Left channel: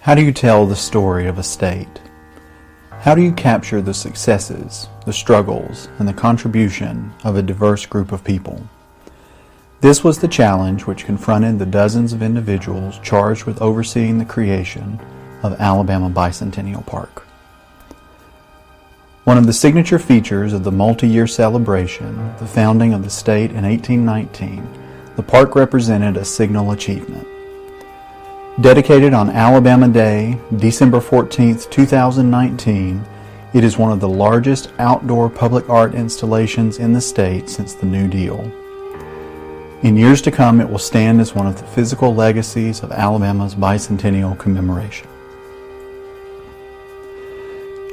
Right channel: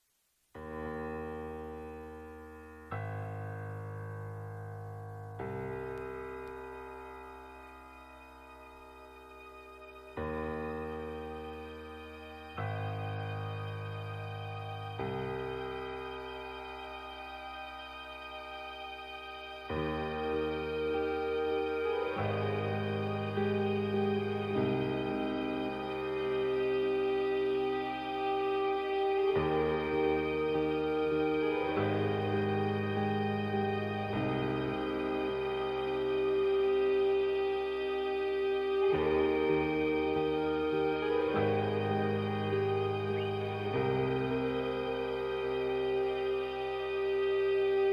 How do you tell the story of a state? How do you capture the successes, the struggles, and the contribution of a diverse group of people? This was the challenge which confronted the dozens of individuals charged with overseeing the creation of Alabama Bicentennial Park. One of the signature features of the multi-year celebration, the founding of the state in 1819, the park represented a signal achievement. Dedicated on Alabama Day, December 14, 2019, it is one of the largest outdoor public art installations in the state since the New Deal. In years to come, it will stand as one of the physical legacies of Alabama's bicentennial commemoration.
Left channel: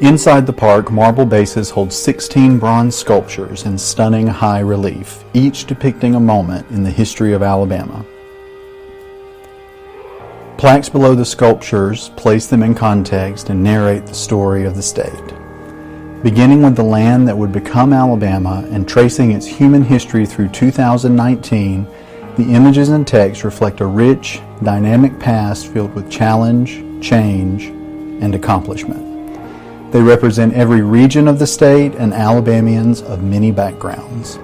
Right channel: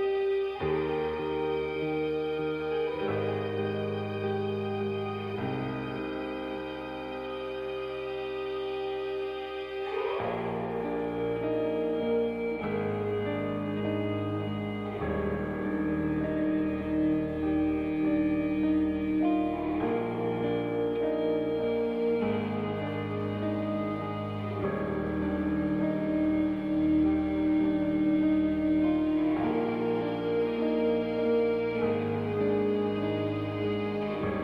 Inside the park, marble bases hold 16 bronze sculptures in stunning high relief, each depicting a moment in the history of Alabama. Plaques below the sculptures place them in context and narrate the story of the state. Beginning with the land that would become Alabama and tracing its human history through 2019, the images and text reflect a rich, dynamic past filled with challenge, change, and accomplishment. They represent every region of the state and Alabamians of many backgrounds.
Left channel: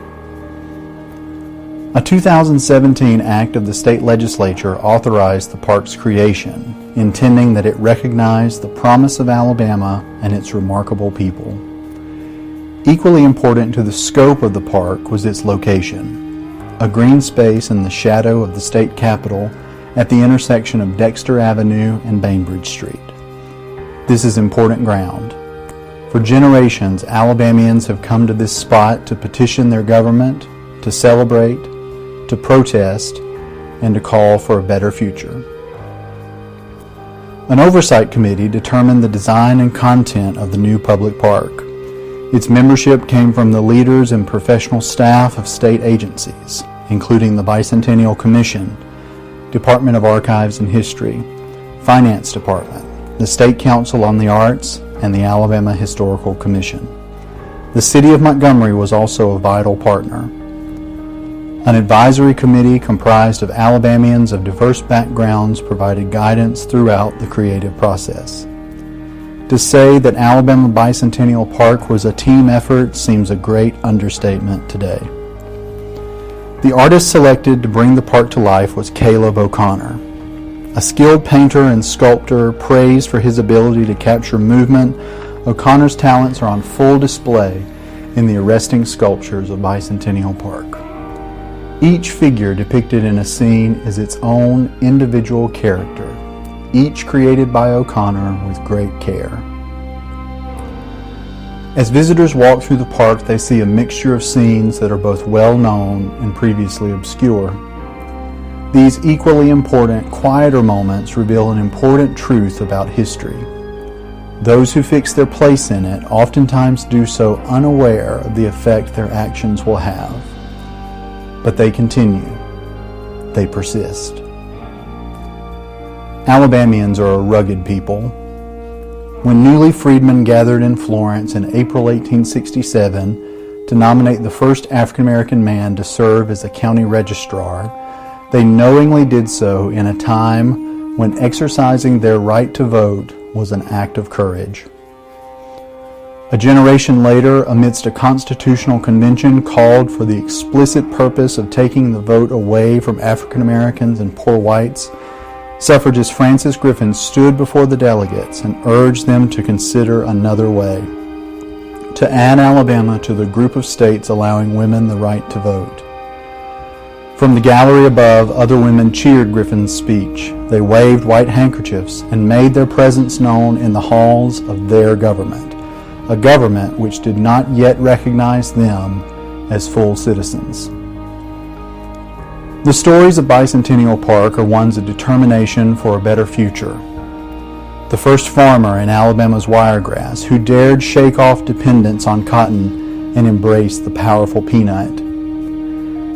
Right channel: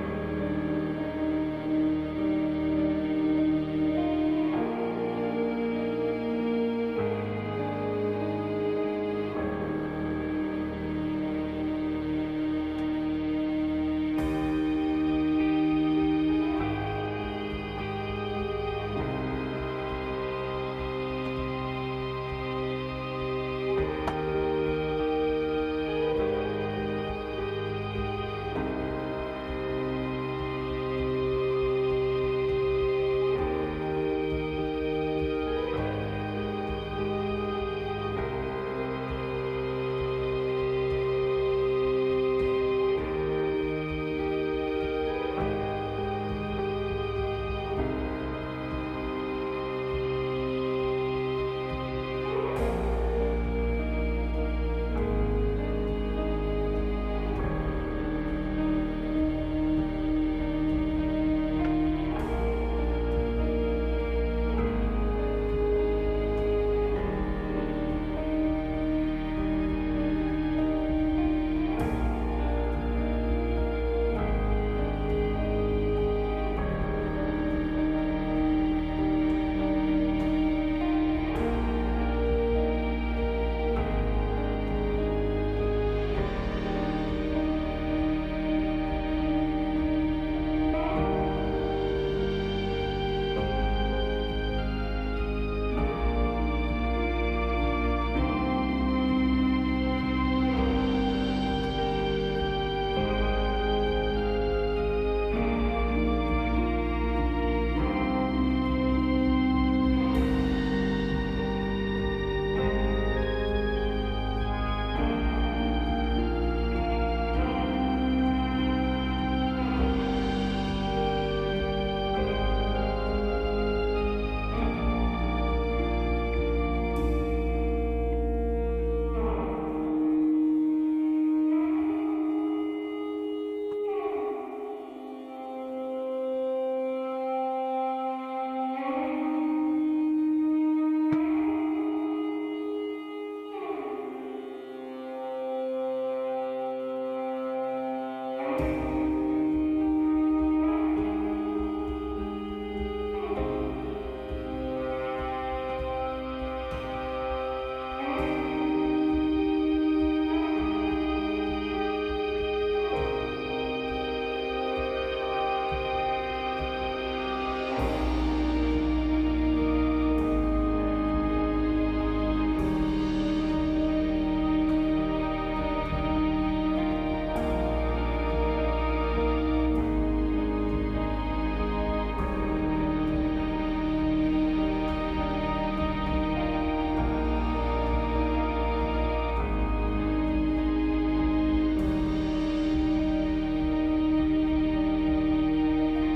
A 2017 act of the state legislature authorized the park's creation, intending that it recognize the promise of Alabama and its remarkable people. Equally important to the scope of the park was its location, a green space in the shadow of the state capitol at the intersection of Dexter Avenue and Bainbridge Street. This is important ground. For generations, Alabamians have come to this spot to petition their government, to celebrate, to protest, and to call for a better future. An oversight committee determined the design and content of the new public park. Its membership came from the leaders and professional staff of state agencies, including the Bicentennial Commission, Department of Archives and History, Finance Department, the State Council on the Arts, and the Alabama Historical Commission. The City of Montgomery was also a vital partner. An advisory committee comprised of Alabamians of diverse backgrounds provided guidance throughout the creative process. To say that Alabama Bicentennial Park was a team effort seems a great understatement today. The artist selected to bring the park to life was Caleb O'Connor. A skilled painter and sculptor praised for his ability to capture movement, O'Connor's talents are on full display in the arresting sculptures of Bicentennial Park. Each figure depicted in a scene is its own individual character, each created by O'Connor with great care. As visitors walk through the park, they see a mixture of scenes that are both well-known and previously obscure. These equally important, quieter moments reveal an important truth about history. Those who fix their place in it oftentimes do so unaware of the effect their actions will have. But they continue. They persist. Alabamians are a rugged people. When newly freedmen gathered in Florence in April 1867 to nominate the first African-American man to serve as a county registrar, they knowingly did so in a time when exercising their right to vote was an act of courage. A generation later, amidst a constitutional convention called for the explicit purpose of taking the vote away from African Americans and poor whites, suffragist Frances Griffin stood before the delegates and urged them to consider another way, to add Alabama to the group of states allowing women the right to vote. From the gallery above, other women cheered Griffin's speech. They waved white handkerchiefs and made their presence known in the halls of their government, a government which did not yet recognize them as full citizens. The stories of Bicentennial Park are ones of determination for a better future. The first farmer in Alabama's wiregrass who dared shake off dependence on cotton and embrace the powerful peanut.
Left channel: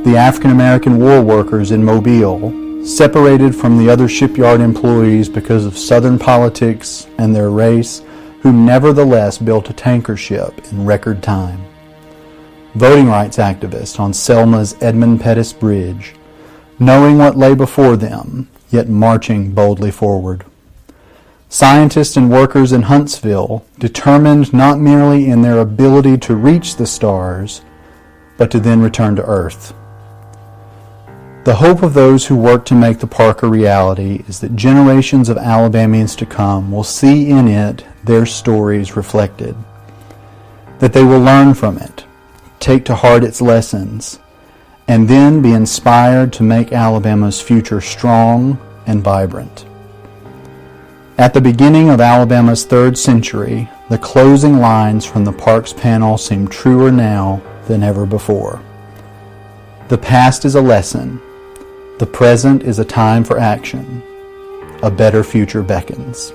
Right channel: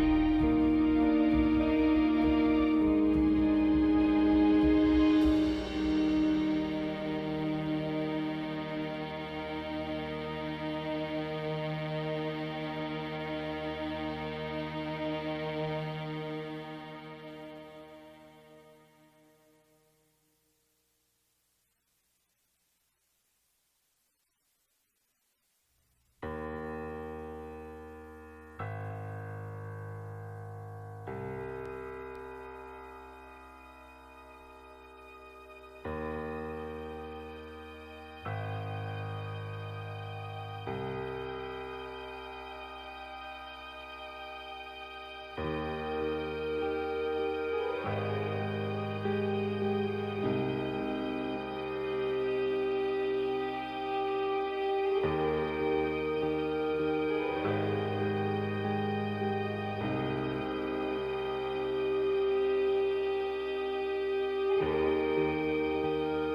The African-American war workers in Mobile, separated from the other shipyard employees because of Southern politics and their race, who nevertheless built a tanker ship in record time. Voting rights activists on Selma's Edmund Pettus Bridge, knowing what lay before them, yet marching boldly forward. Scientists and workers in Huntsville determined not merely in their ability to reach the stars, but to then return to Earth. The hope of those who work to make the park a reality is that generations of Alabamians to come will see in it their stories reflected, that they will learn from it, take to heart its lessons, and then be inspired to make Alabama's future strong and vibrant. At the beginning of Alabama's 3rd century, the closing lines from the park's panel seem truer now than ever before. The past is a lesson. The present is a time for action. A better future beckons.